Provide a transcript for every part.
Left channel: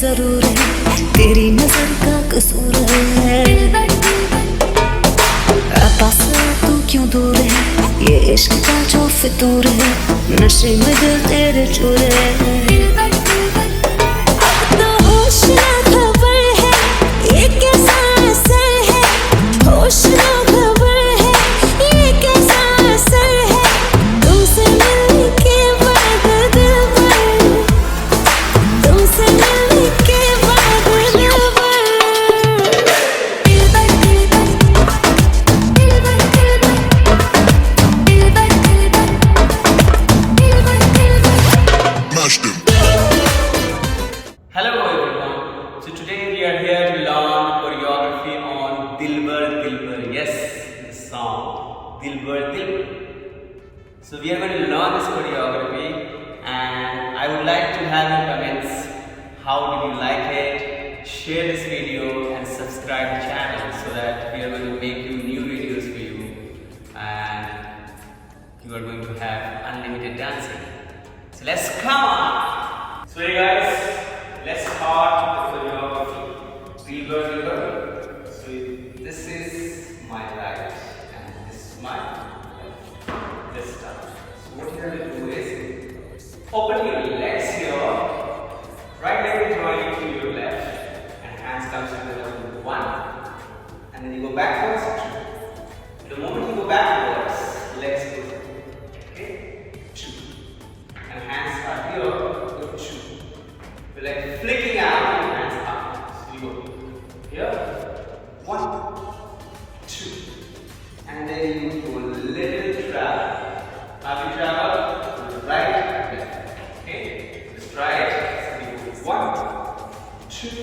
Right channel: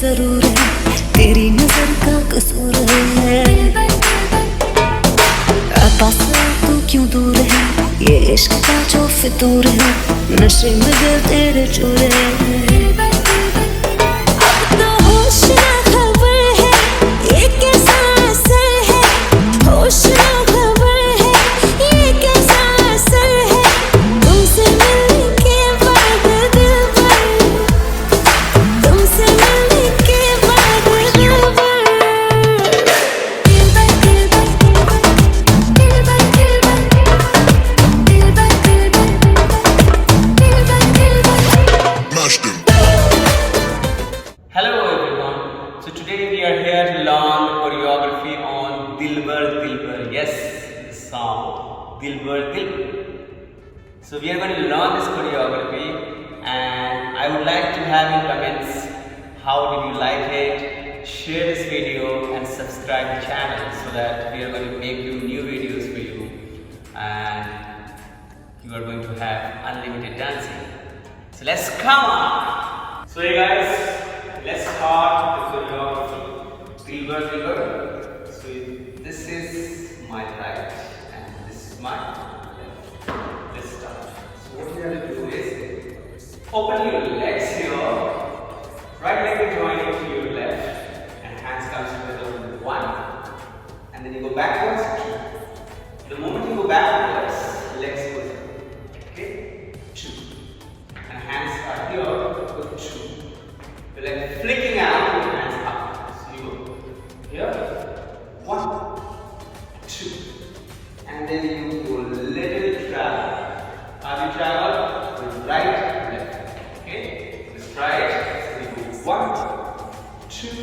जरूर है, तेरी नजर का कसूर है। पास तू क्यों दूर है, ये इश्क का जो फितूर है, नशे में दिल तेरे चूर है। अब तो होश ना खबर है, ये कैसा असर है, होश ना खबर है, ये कैसा असर है, तुमसे मिलने के बाद दिलबर, तुमसे मिलने के बाद दिलबर। Hello everyone. So today we are here to learn the choreography on Dilbar Dilbar. Yes, the song Dilbar Dilbar. So we are going to learn this choreography, and I would like to have your comments. How did you like it? Share this video and subscribe the channel so that we are going to make you new videos for you, and you are going to have unlimited dancing. So let's come on. So hey guys, let's start with the choreography. Dilbar Dilbar. So this is my right and this is my left. Let's start. So what you have to do is open your legs here. Right leg is joining to your left and hands comes together with one, and then you go backwards, two. The moment you go backwards, legs go up. Okay, two. And hands are here, go two. You're like flicking out and hands up. So you go here, one, two. And then you go little travel. As you travel, right, left. Okay? Just try it. So you go one, two,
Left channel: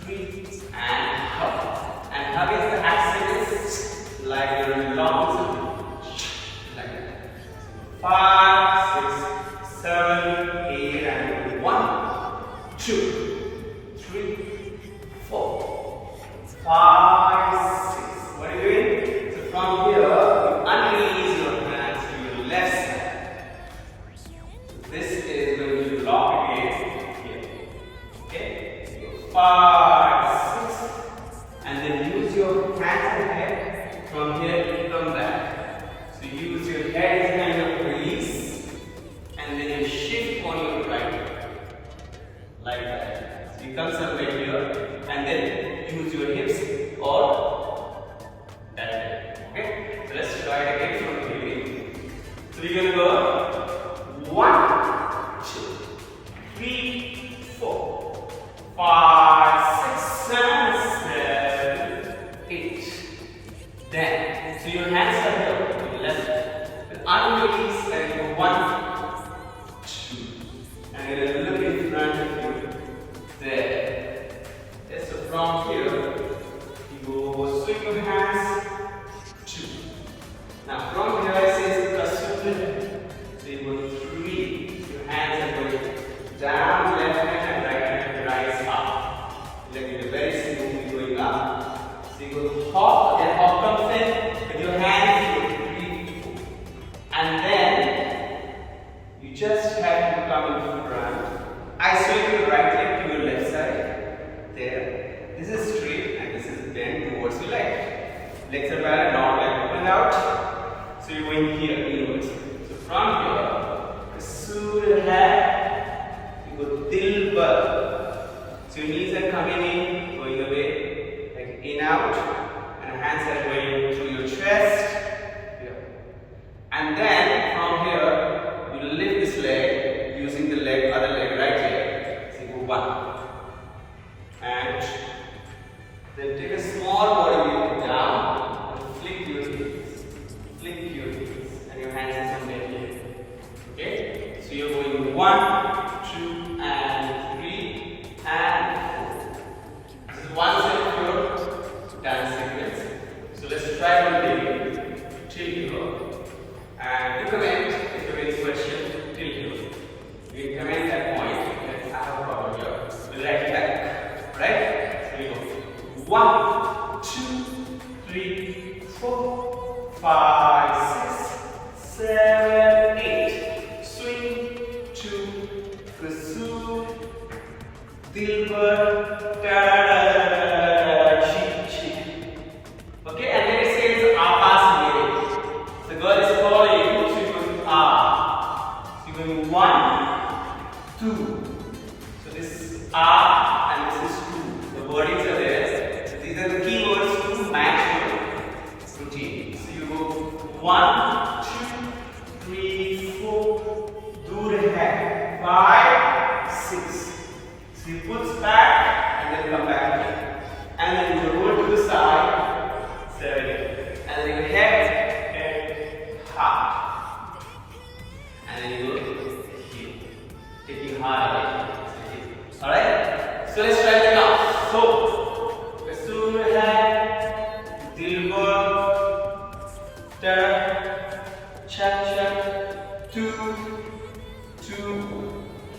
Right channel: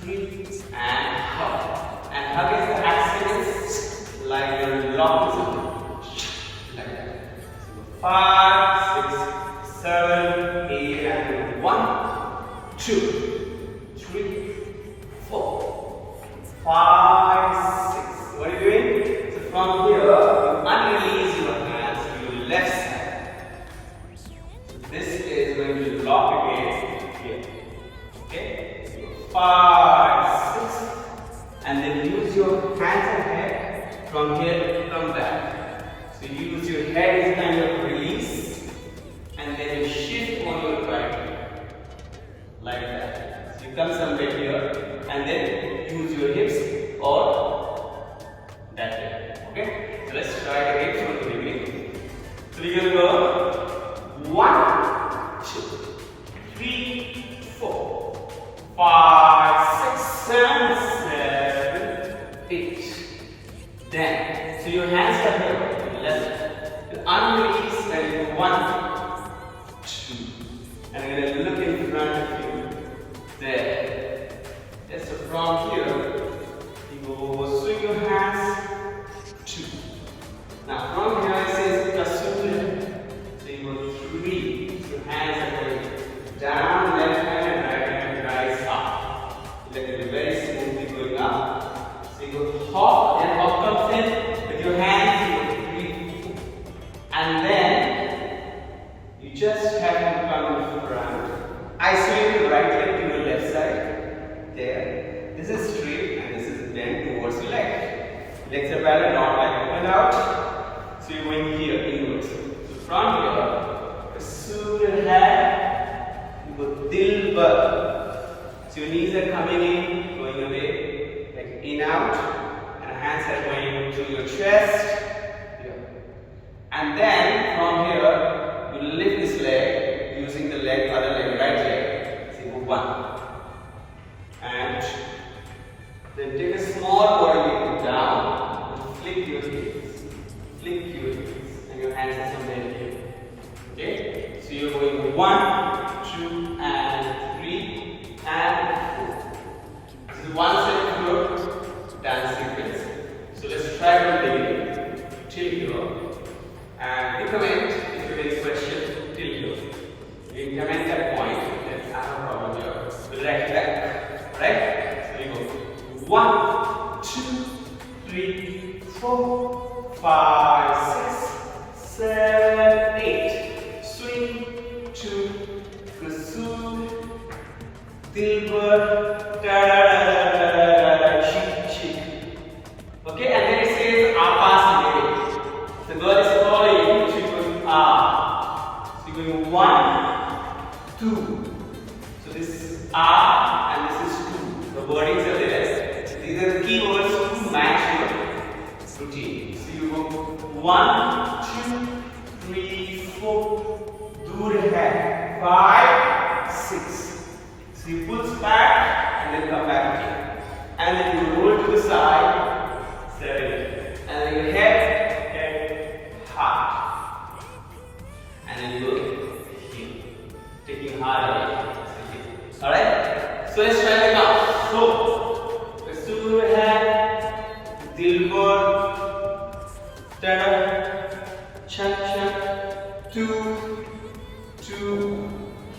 three, and hug. And hug is the accent is like you're long something. Like that. 5, 6, 7, 8, and 1, 2, 3, 4, 5, 6. What are you doing? So from here, you unrelease your hands to your left side. So this is going to lock again here. Okay? So 5, 6, and then use your hands ahead. From here, come back. So use your head as kind of release, and then you shift on your right like that. So you come somewhere here, and then use your hips or that way. Okay? So let's try it again from the beginning. So we're gonna go 1, 2, 3, 4, 5, 6, 7, 8. Then, so your hands are here, left. You unrelease and 1, 2. And you're going to look in front of you. There. Yes, so from here, you go swing your hands, 2. Now from here it says kasuri. So you go 3. Your hands are going down, left hand and right hand rise up. Like you're very smoothly going up. So you go hop, and hop comes in with your hands, you go 3, 4. And then you just have to come in front. Isolate your right leg to your left side. There. This is straight and this is bent towards your left. Legs are parallel, not like open out. So you're going here, inwards. So from here, kasur hai, you go dilbar. So your knees are coming in, going away, like in out, and hands are going through your chest. Here. And then from here, you lift this leg using the leg, other leg, right leg. So you go 1. And then take a small body weight down and flick your heels. Flick your heels. And your hands are somewhere here. Okay? So you're going 1, 2, and 3, and 4. This is one set of your dance sequence. So let's try from the beginning till here. And you comment if you have any question till here. You can comment that point. Then I have a problem here. We'll write it back. Alright? So we go 1, 2, 3, 4, 5, 6, 7, 8. Swing, 2, kasur, Dilbar, da-da-da-da-da-da, chick. Okay, and then it says Apas lyrics. The girl is calling, she goes ah. So you're going 1, 2. So this is ah and this is 2. The wordings are there. So these are the keywords to match your routine. So you go 1, 2, 3, 4. Dur hai. 5, 6. So you pull back and then come back again. And then you roll to the side. 7, 8. And then you head, heart. And then you go here. Taking heart away. Alright? So let's try the count. So, Sur hai, Dilbar, tada, chak chak, 2,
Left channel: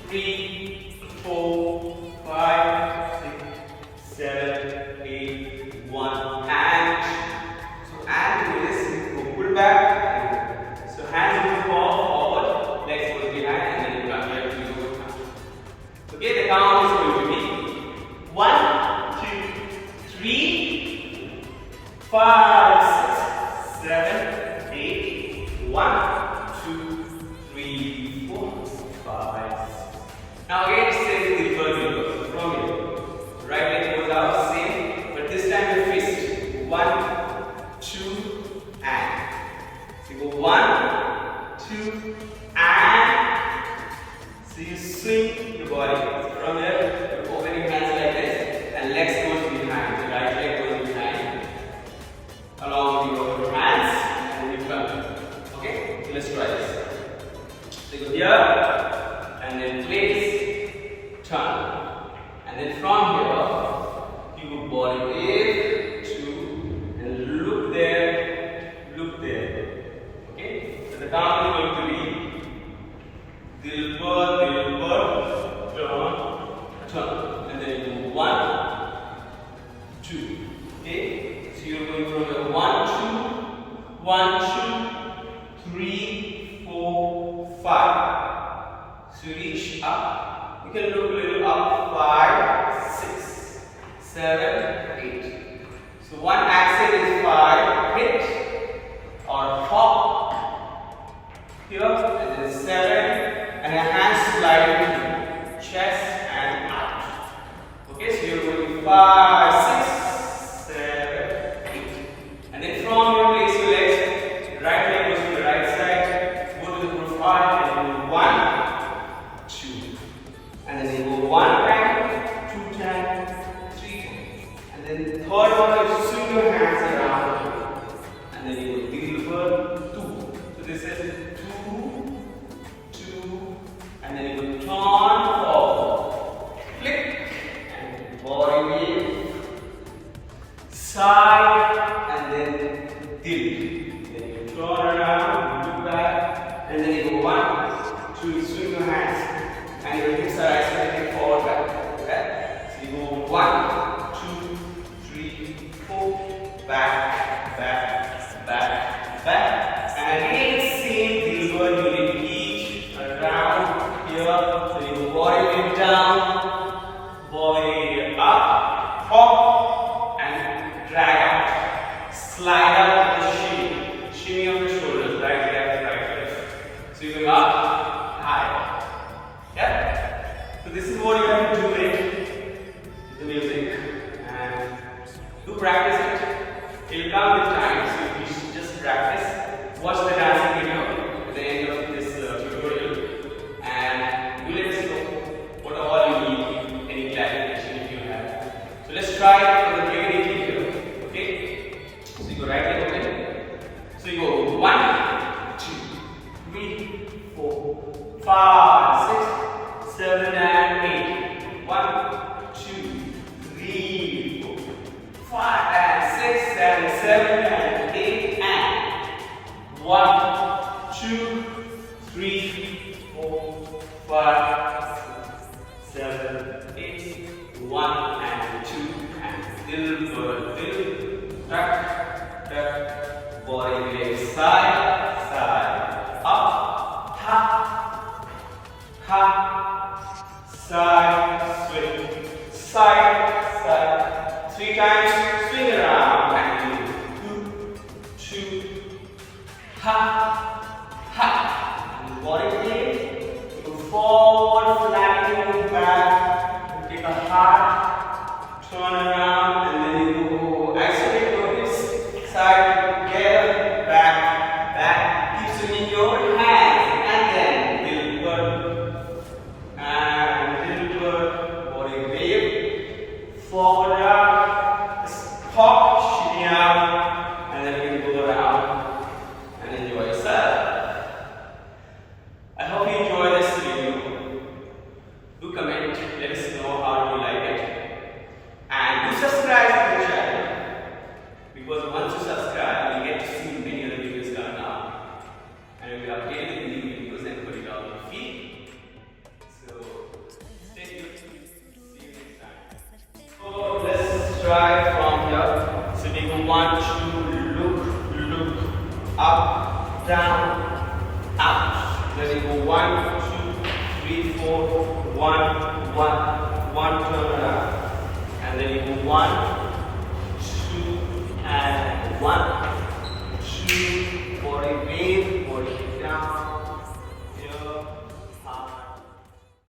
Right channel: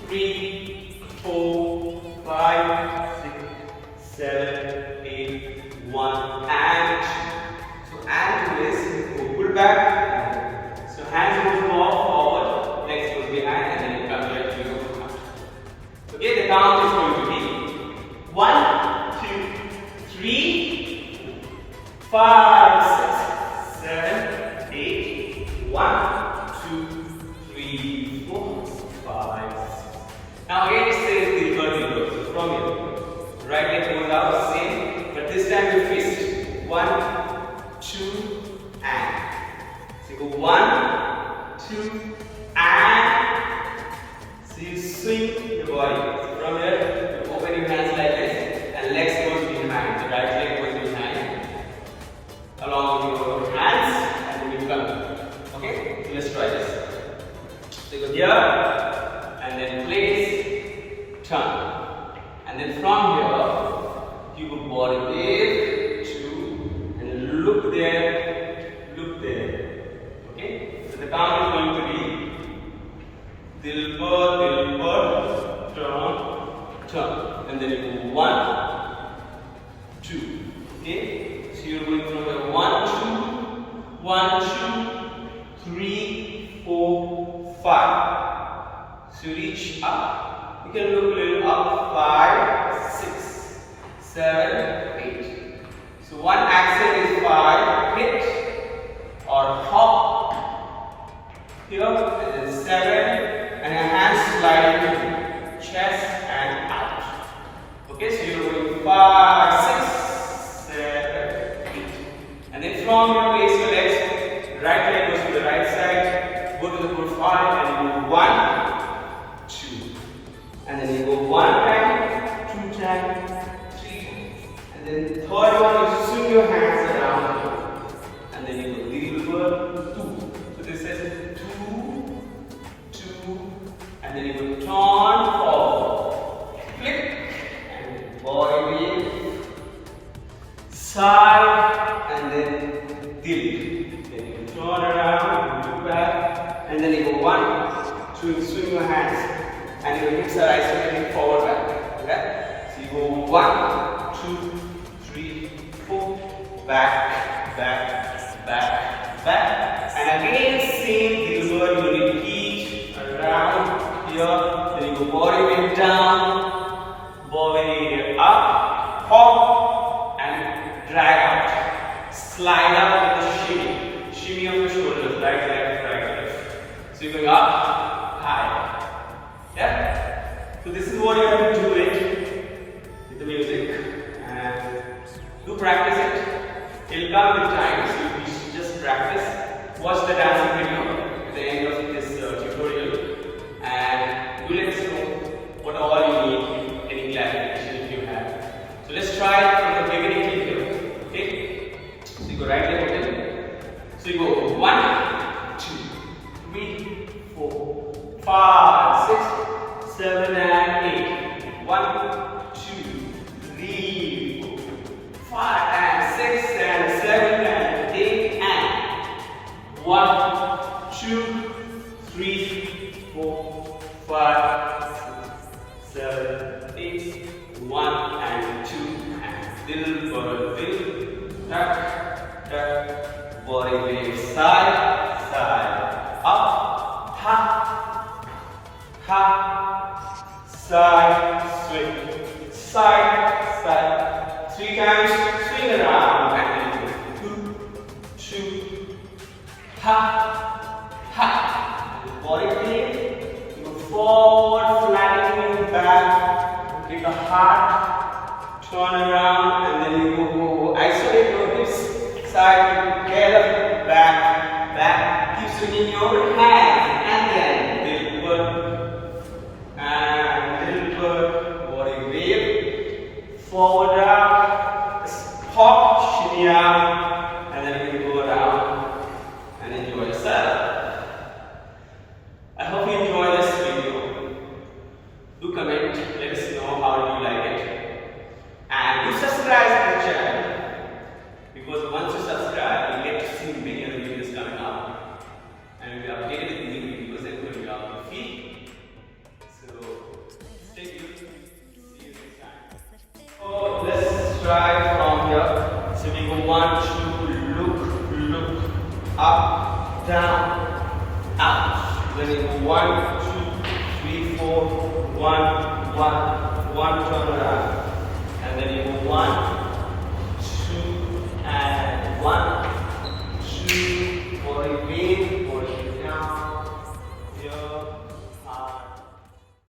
3, 4, 5, 6, 7, 8, 1, and. So and is go pull back. So hands go forward, legs go behind, and then you come here to your count. Okay, the count is going to be 1, 2, 3, 5, 6, 7, 8, 1, 2, 3, 4, 5. Now again it says Dilbar. So from here, right leg goes out, same, but this time you twist. 1, 2, and. So you go 1, 2, and. So you swing the body. From here, you open your hands like this, and legs goes behind. The right leg goes behind, along with your hands, and then you come here. Okay? So let's try this. So you go here, and then place, turn. And then from here, you go body in, 2, and look there. Okay? So the count is going to be Dilbar, turn. And then you go 1, 2. Okay? So you're going from the 1, 2, 3, 4, 5. So you reach up. You can look a little up. 5, 6, 7, 8. So one accent is 5. Hit or hop here, and then 7, and your hands slide to chest and out. Okay, so you're going 5, 6, 7, 8, and then from your place your legs, right leg goes to the right side, go to the profile and go 1, 2, and then you go 1 time, 2 times, 3, and then the third one you swing your hands around. And then you go Dilbar 2. So this is 2, 2, and then you go turn forward, flick, and body wave, side, and then dip. Then you turn around, look back, and then you go 1, 2, swing your hands, and your hips are isolated forward back. Okay? So you go 1, 2, 3, 4, back, and again same Dilbar, you repeat around here. Then you go body weight down, body up, hop, and drag out. Slide up with the shimmy of the shoulders, right, left. So you're going up, high. Yeah. So this is what you have to do it with the music, and do practice it. It'll come with time, so you should just practice. Watch the dancing video at the end of this tutorial, and do let us know what all you need, any clarification if you have. So let's try it from the beginning till here. Okay? So you go right leg open. So you go 1, 2, 3, 4, 5, 6, 7, and 8. 1, 2, 3, 4, 5, and 6, and 7, and 8, and 1, 2, 3, 4, 5, 6, 7, 8, 1, and 2, and Dilbar, tuck, body wave, side, up, ha, side, swing. side, side. 3 times, swing around. Back and forth. 2, 2. Ha, ha. Body flip. Go forward, flattening back. Take a heart. Turn around and then you go isolate your hips. Side together. Back, back. Keep swinging your hands. And then Dilbar. And Dilbar. Body wave. Forward up. Hop, shimmy out. And then you go down. And enjoy yourself. I hope you enjoy this video. Do comment, let us know how did you like it. And do subscribe to the channel. Because once you subscribe, you get to see many other videos coming up. And you'll be updated with new videos and choreography. So stay tuned. See you next time. So let's try from here. So we go 1, 2, look, up, down, out. Then you go 1, 2, 3, 4, 1, 1, 1, turn